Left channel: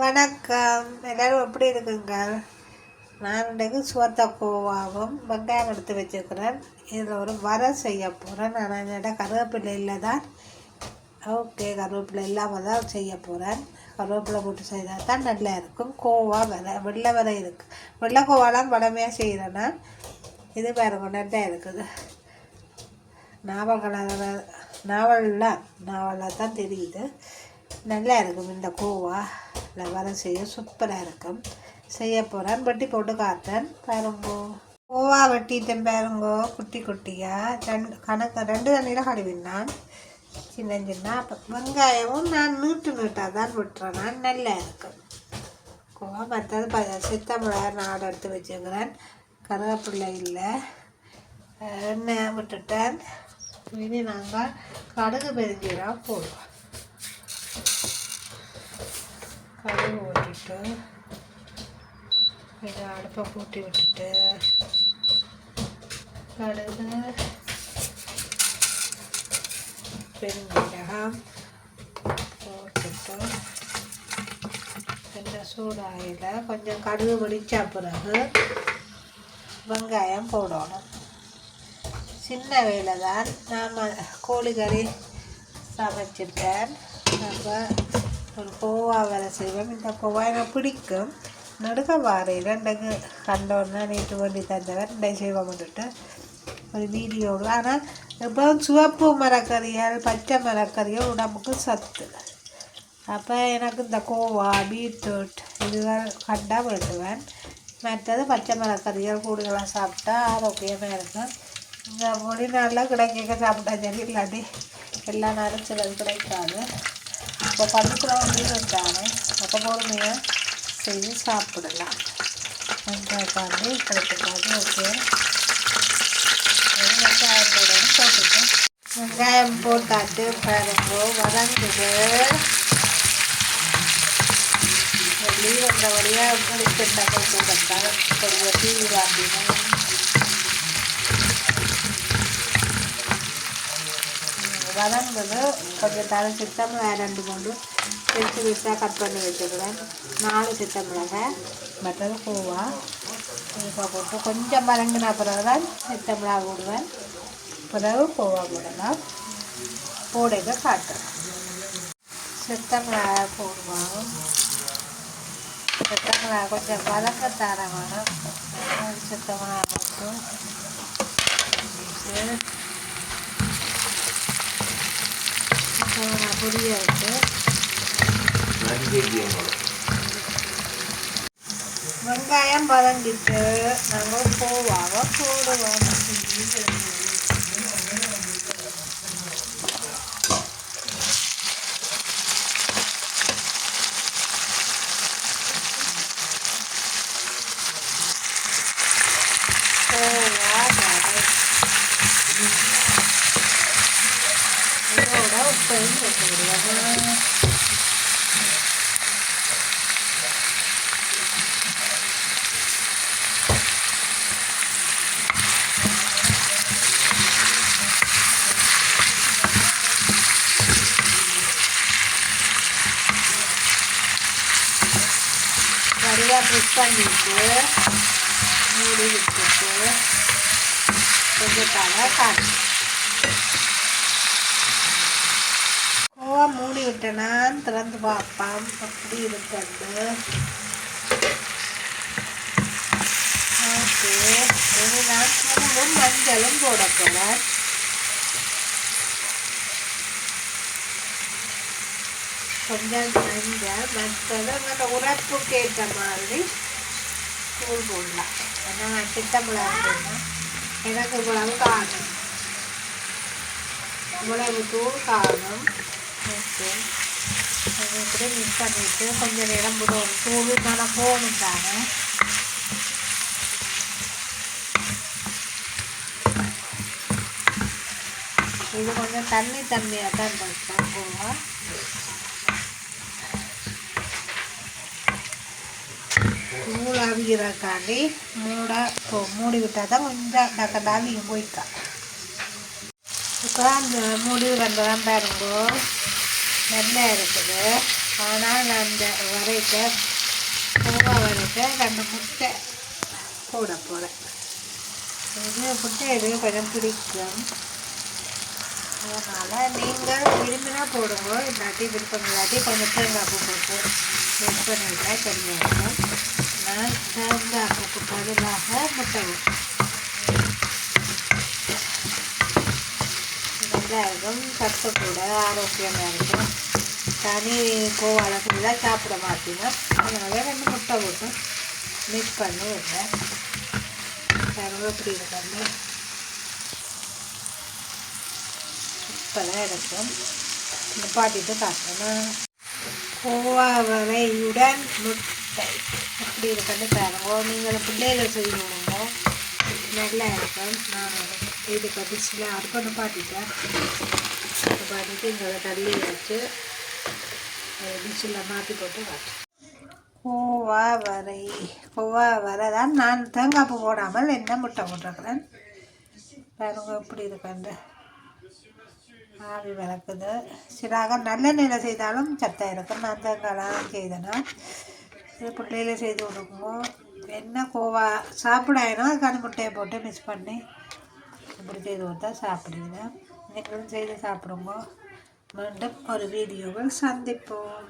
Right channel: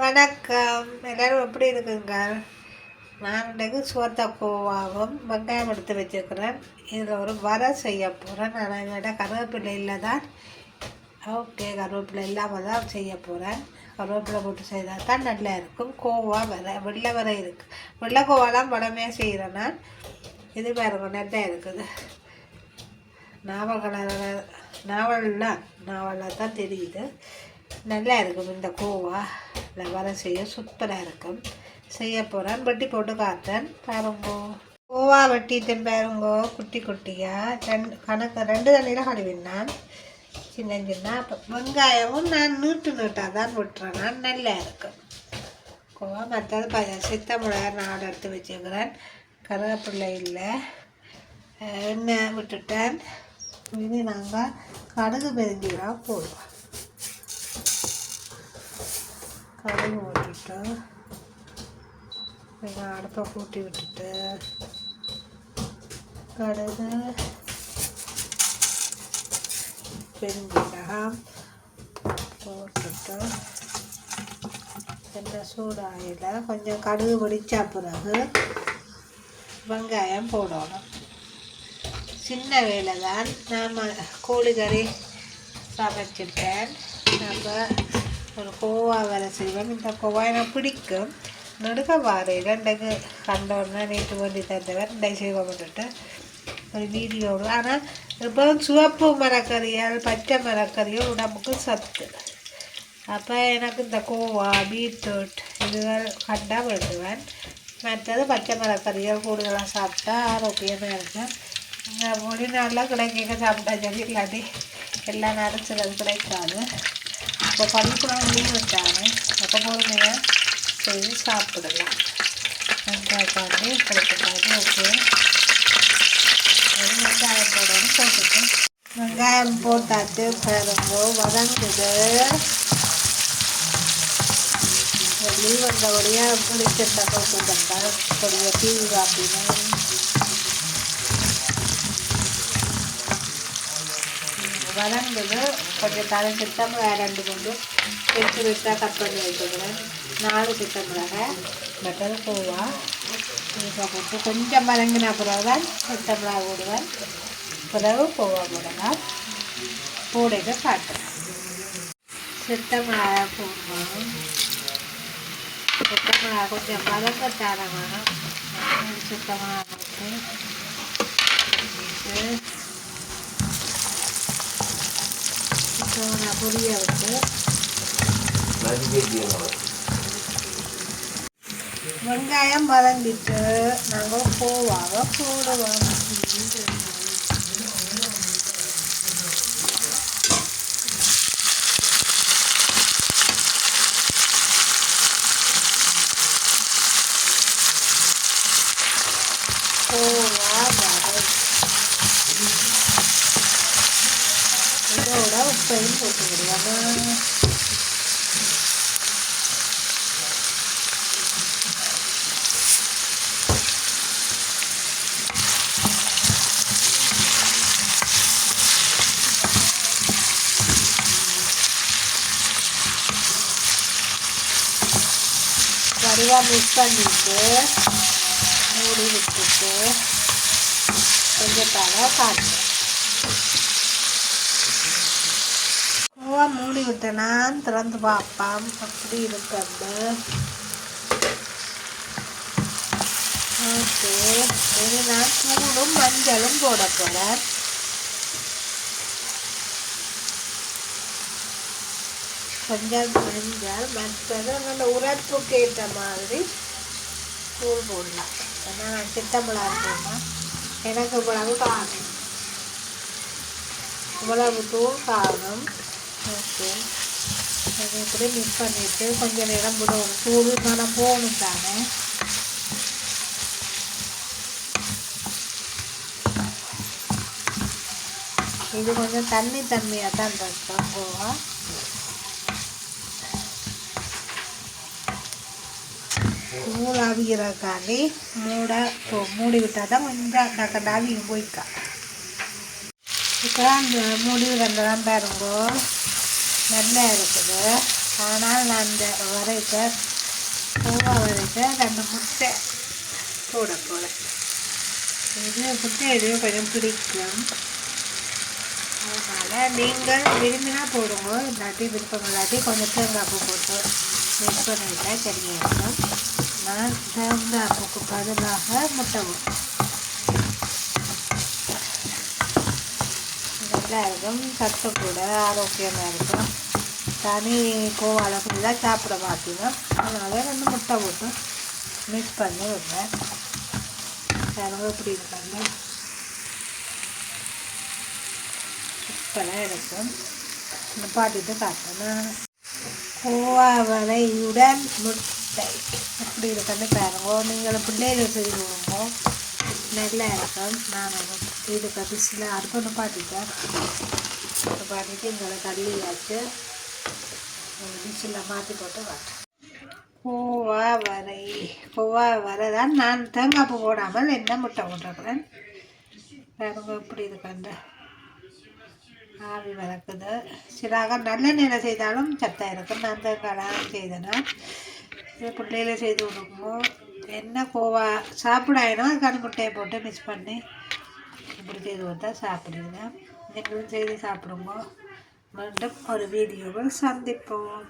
வணக்கம், எல்லோரும் எப்படி இருக்குங்க? நான் இன்றைக்கு கோவாவும் வெங்காயம் எடுத்து வச்சுருக்கிறேன். இதில் ஒரு வரை செய்ய போகிறேன். நான் என்கிட்ட கருவேப்பிலை இல்லை தான். ஓகே, கருவேப்பிலை இல்லாமல் தான் செய்ய போகிறேன். கருவேப்பிலை போட்டு செய்தால் தான் நல்லா இருக்கும். கோவா வெள்ளை வரை இருக்குது. வெள்ளை கோவாலாம் படமையாக செய்கிறேன் நான். இது பாருங்க, நல்லா இருக்குது. நாவலில் தான் தெரியுது. நல்லா இருக்கும். இந்த கோவா வர செய்ய சூப்பராக இருக்கும். செய்ய போகிறேன். வெட்டி போட்டு காட்டுறேன் பாருங்கோ. கோவா வெட்டிட்டேன் பாருங்கோ, குட்டி குட்டியாக ரெண்டு தண்ணியில் கழுவினான் சின்ன சின்ன. வெங்காயமும் நான் நீட்டாக தான் விட்டுறேன். நான் நல்லா இருக்கும் கோவா. மற்றது சித்தமிழார் நான் எடுத்து வச்சுக்கிறேன். கருவேப்பிள்ளை இல்லை, எண்ணெய் விட்டுட்டேன். இனி நாங்கள் கடுகு பெருஞ்சீரகம் போடுவோம். கடுகு ஓட்டிட்டு கொஞ்சம் அடுப்பை கூட்டி விட்டுட்டு கடுகு பெருஞ்சீரகம் போட்டுட்டு கொஞ்சம் சூடாயில் கொஞ்சம் கடுகு வெடிச்சா பிறகு வெங்காயம் போடணும். சின்ன வேலை தான். நாம் கோழிக்கறி சமைச்சிட்டேன். நம்ம ஒரு கோவா வேலை செய்வோம். இந்த கோவா எனக்கு பிடிக்கும். நடுக்க வாரையில் இன்றைக்கு கண்டோன்னா நேற்று வேண்டி தந்தவர் இன்றைக்கு செய்வோம்ட்டு ஒரு வீடியோடு. ஆனால் இப்போ சிவப்பு மரக்கறியால் பச்சை மரக்கறியும் உடம்புக்கு சத்து. அப்போ எனக்கு இந்த கோவா பீட்ரூட் இதுகள் கண்டால் வேண்டுவேன். மற்றது பச்சை மரக்கறிகள் கூடுதலாக சாப்பிட்டா ஆரோக்கியமாக இருக்கும். இந்த மொழி நாளில் கிடைக்க சாப்பிட்டா சரி, இல்லாட்டி எல்லா நேரம் சிலது கிடைக்காது. இப்போ பள்ளிக்கூடம் லீவ் வந்தாங்க, அப்போ பொறுமையாக செய்து சாப்பிடலாம். வெங்காயக்காண்டி கிடைக்காது. ஓகே, வெங்காயம் போடணும். போட்டுட்டு வெங்காயம் போட்டாச்சு பாருங்கோ, வதங்குது. லீவ் வந்தபடியாக குளிச்சுட்டா கொஞ்சம் கொஞ்சம் டிவி காட்டினேன். வதங்குது. கொஞ்சம் தலை சித்தமிளகாய் 2 கொண்டு பிரித்து பிரித்தாக கட் பண்ணி வச்சுக்கிறேன். 4 சித்தமிளகாய். மற்றது கோவா இப்போ போட்டு கொஞ்சம் வதங்கின பிறகு தான் சித்தமிளகாய் போடுவேன். பிறகு கோவா போடலாம். போடுங்க காட்டுறேன். சித்தமிளகாய் போடுவோம். சித்தமிளகாய் கொஞ்சம் வதங்கத்தான வேணும். சித்தமிளகாய் போட்டு பொடியை விட்டு வெங்காயம் வதங்கிட்டு நாங்கள் கோவாவை போடுவோம். இதோட உப்பையும் போட்டுக்கிடுவோம். சரியாக மிக்ஸ் பண்ணிட்டு மூடி விட்டுட்டு கொஞ்சம் தலை காட்டு. கோவா மூடி விட்டேன்னா திறந்து பார்ப்போம் அப்படி இருக்கிறது. ஓகே, இனி நான் தூளும் மஞ்சளும் போட போகிறேன். கொஞ்சம் மஞ்சள், மற்றது அந்த உரைப்புக்கு ஏற்ற மாதிரி தூள் போடலாம். ஏன்னா நான் சித்தமிளகாய் போடணும். எனக்கு இவ்வளவு காணும், இவ்வளவு தூள் காணும். ஓகே, அது இப்படி மிக்ஸ் பண்ணிவிட்டு கொஞ்சம் நேரம் விடணும். தூள் மேலே போகணும் தானே. இது கொஞ்சம் தண்ணியாக தான் இருக்கும் கோவா. தூள் ஆவிக்கிறக்காண்டி மூடி விட்டால் தான் கொஞ்சம் டக்கு ஆவியும் போய்க்கா. இப்போ அந்த மூடி வந்ததான் பாருங்கோ நல்லா இருக்குது. ஆனால் நான் இந்த வரைக்க கோவா வரைக்க 2 முட்டை போட போகிறேன். இது முட்டை எதுவும் கொஞ்சம் பிடிக்கும், அதனால் நீங்கள் விரும்பினா போடுங்க, இல்லாட்டி விருப்பம் இல்லாட்டி கொஞ்சம் தேங்காய் பூ போட்டு மிக்ஸ் பண்ணிவிட்டா சரியாக இருக்கும். நான் தேங்காய் பூக்கு பதிலாக முட்டை போட்டேன். நல்லா இருக்கும், சத்து கூட ஆரோக்கியமாக இருக்கும். தனி கோவாவில் ஃபுல்லாக சாப்பிட மாட்டீங்க, அதனால 2 முட்டை போட்டு மிக்ஸ் பண்ணி விடுறேன். பாருங்க இப்படி இருக்காங்க, சூப்பராக இருக்கும். பாட்டிட்டு காட்டுறேன். கோவா வரையுடன் முட்டை எப்படி இருக்குன்னு பாருங்க. நீங்கள் பிள்ளைகளை செய்து விடுங்க, நல்லா இருக்கும். நான் இதுக்கு டிஷ்ஷில் அடுப்பு பாட்டிட்டேன், பாட்டிட்டு இந்த தள்ளி வச்சு டிஷ்ஷில் மாற்றி போட்டு காட்டுறேன். கோவா வரை தான் நான் தேங்காய் பூ போடாமல் என்ன முட்டை போட்டிருக்கிறேன். பாருங்க இப்படி இருக்காண்டு ஆவி வளர்க்குது. சிலாக நல்ல நிலை செய்தாலும் சத்தாக இருக்கும். நான் தேங்காய்லாம் செய்தேன்னா இது பிள்ளையில செய்து கொடுக்குமோ என்ன கோவா சாப்பிடாயினோ அதுக்கான முட்டையை போட்டு மிக்ஸ் பண்ணி இப்படி செய்து கொடுத்தா சாப்பிடுங்க. நீங்களும் செய்து சாப்பிடுங்க. மீண்டும் ஒரு வீடியோவில் சந்திப்போம்.